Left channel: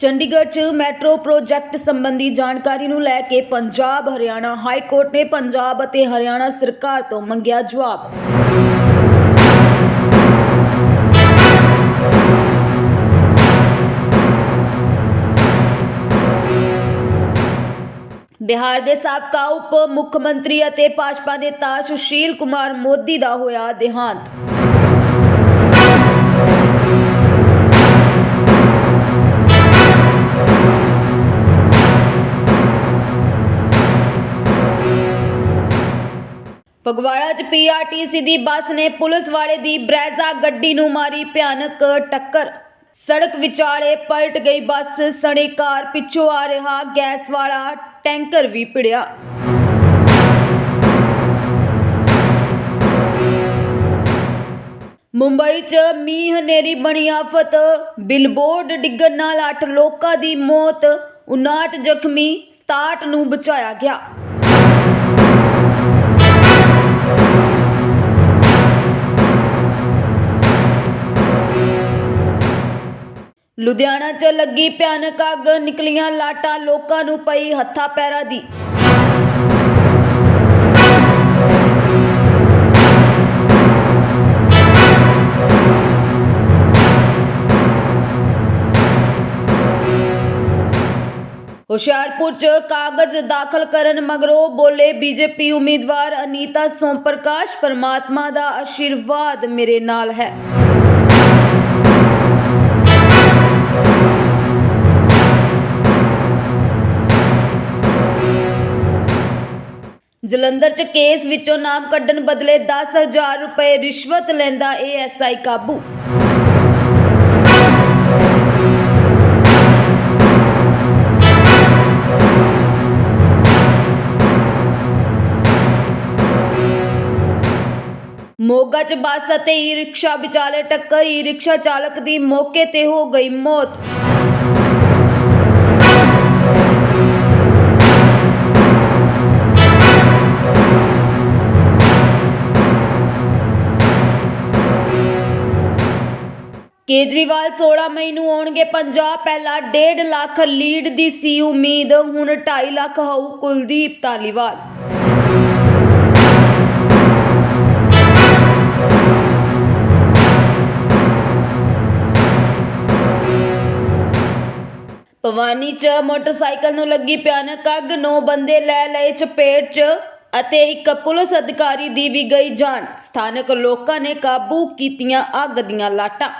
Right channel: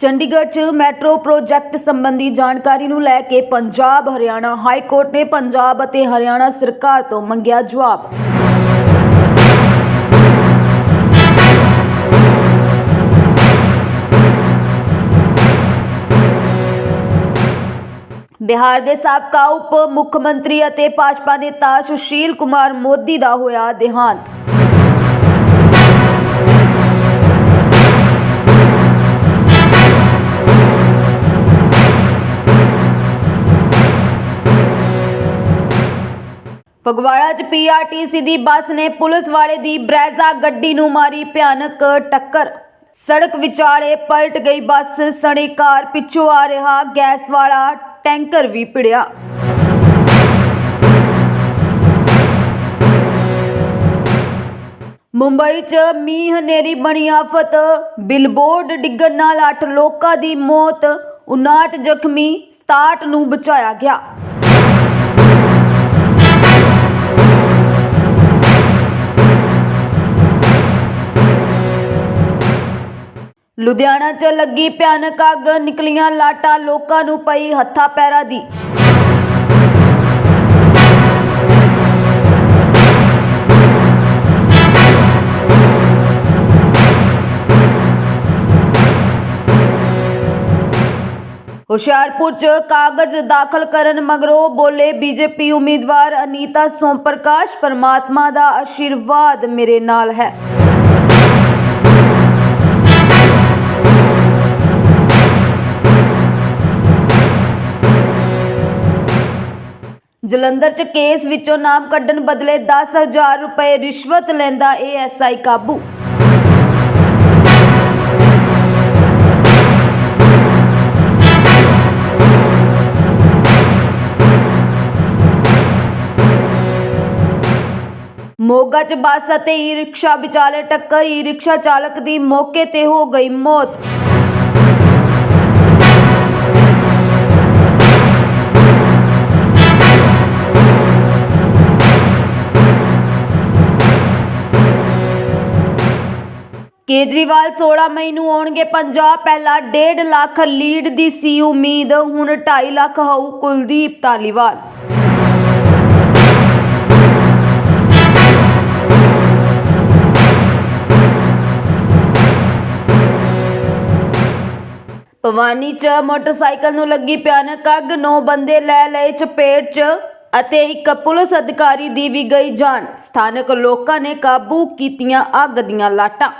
ਚੰਡੀਗੜ੍ਹ 'ਚ metro project ਸੰਬੰਧੀ ਜਾਣਕਾਰੀ ਨੂੰ ਲੈ ਕੇ ਪੰਜਾਬ, ਹਰਿਆਣਾ ਹਾਈ ਕੋਰਟ ਨੇ ਪੰਜਾਬ ਅਤੇ ਹਰਿਆਣਾ ਸਰਕਾਰ ਤੋਂ ਮੰਗਿਆ ਜਵਾਬ। ਬਿਹਾਰ ਦੇ ਸਾਬਕਾ ਉਪ ਮੁੱਖ ਮੰਤਰੀ ਅਤੇ ਭਾਜਪਾ ਨੇਤਾ ਸੁਸ਼ੀਲ ਕੁਮਾਰ ਮੋਦੀ ਦਾ ਹੋਇਆ ਦੇਹਾਂਤ। ਫਗਵਾੜਾ 'ਚ ਪੀਆਰਟੀਸੀ ਦੀ ਬੱਸ ਨੇ ਪੁਲਿਸ ਵਾਲੇ ਦੀ ਬ੍ਰੈਜ਼ਾ ਗੱਡੀ ਨੂੰ ਮਾਰੀ ਭਿਆਨਕ ਟੱਕਰ। ਸੜਕ ਵਿਚਾਲੇ ਪਲਟ ਗਈ ਬੱਸ ਸਣੇ ਕਾਰ, ਪਿੱਛੋਂ ਆ ਰਿਹਾ ਗੈਸ ਵਾਲਾ ਟੈਂਕਰ ਵੀ ਭਿੜਿਆ। ਮੁੰਬਈ 'ਚ ਮੀਂਹ ਹਨੇਰੀ ਬਣੀ ਆਫਤ ਬਿਲਬੋਰਡ ਡਿੱਗਣ ਨਾਲ 8 ਲੋਕਾਂ ਦੀ ਮੌਤ 59 ਜ਼ਖਮੀ 67 ਨੂੰ ਬਚਾਇਆ ਗਿਆ। ਲੁਧਿਆਣਾ 'ਚ ਲੱਗੀ ਭਿਆਨਕ ਅੱਗ, ਨਿਕਲੀਆਂ ਲਾਟਾਂ ਲੋਕਾਂ ਨੂੰ ਪਈ ਹੱਥਾਂ ਪੈਰਾਂ ਦੀ। ਹੁਸ਼ਿਆਰਪੁਰ 'ਚ ਕਾਗਜ਼ ਦਾਖਲ ਕਰਨ ਮਗਰੋਂ ਬੋਲੇ ਬੀਜੇਪੀ ਉਮੀਦਵਾਰ ਅਨੀਤਾ ਸੋਮ ਪ੍ਰਕਾਸ਼ ਪਰਮਾਤਮਾ ਦਾ ਆਸ਼ੀਰਵਾਦ ਮੇਰੇ ਨਾਲ ਹੈ। ਜਲੰਧਰ 'ਚ ਕੇਸ ਵਿੱਚੋਂ ਨਾਮ ਕੱਢਣ ਬਦਲੇ 10000 ਰੁਪਏ ਰਿਸ਼ਵਤ ਲੈਂਦਾ ਏਐਸਆਈ ਕਾਬੂ। ਮੋਗਾ 'ਚ ਬੱਸ ਅਤੇ ਈ-ਰਿਕਸ਼ਾ ਵਿਚਾਲੇ ਟੱਕਰ, ਈ-ਰਿਕਸ਼ਾ ਚਾਲਕ ਦੀ ਮੌਕੇ ਤੇ ਹੋ ਗਈ ਮੌਤ। ਕੇਜਰੀਵਾਲ 16 ਮਈ ਨੂੰ ਆਉਣਗੇ ਪੰਜਾਬ, ਪਹਿਲਾਂ 1.5 ਲੱਖ ਲੀਡ ਦੀ ਸੀ ਉਮੀਦ, ਹੁਣ 2.5 ਲੱਖ ਹੋਊ ਕੁਲਦੀਪ ਧਾਲੀਵਾਲ। ਭਵਾਨੀ 'ਚ ਮੋਟਰਸਾਈਕਲ ਨੂੰ ਲੱਗੀ ਭਿਆਨਕ ਅੱਗ, ਨੌ ਬੰਦੇ ਲੈ ਲਏ ਚਪੇਟ 'ਚ ਅਤੇ ਇੱਕ ਪੁਲਿਸ ਅਧਿਕਾਰੀ ਦੀ ਵੀ ਗਈ ਜਾਨ। ਸਥਾਨਕ ਲੋਕਾਂ ਨੇ ਕਾਬੂ ਕੀਤੀਆਂ ਅੱਗ ਦੀਆਂ ਲਾਟਾਂ।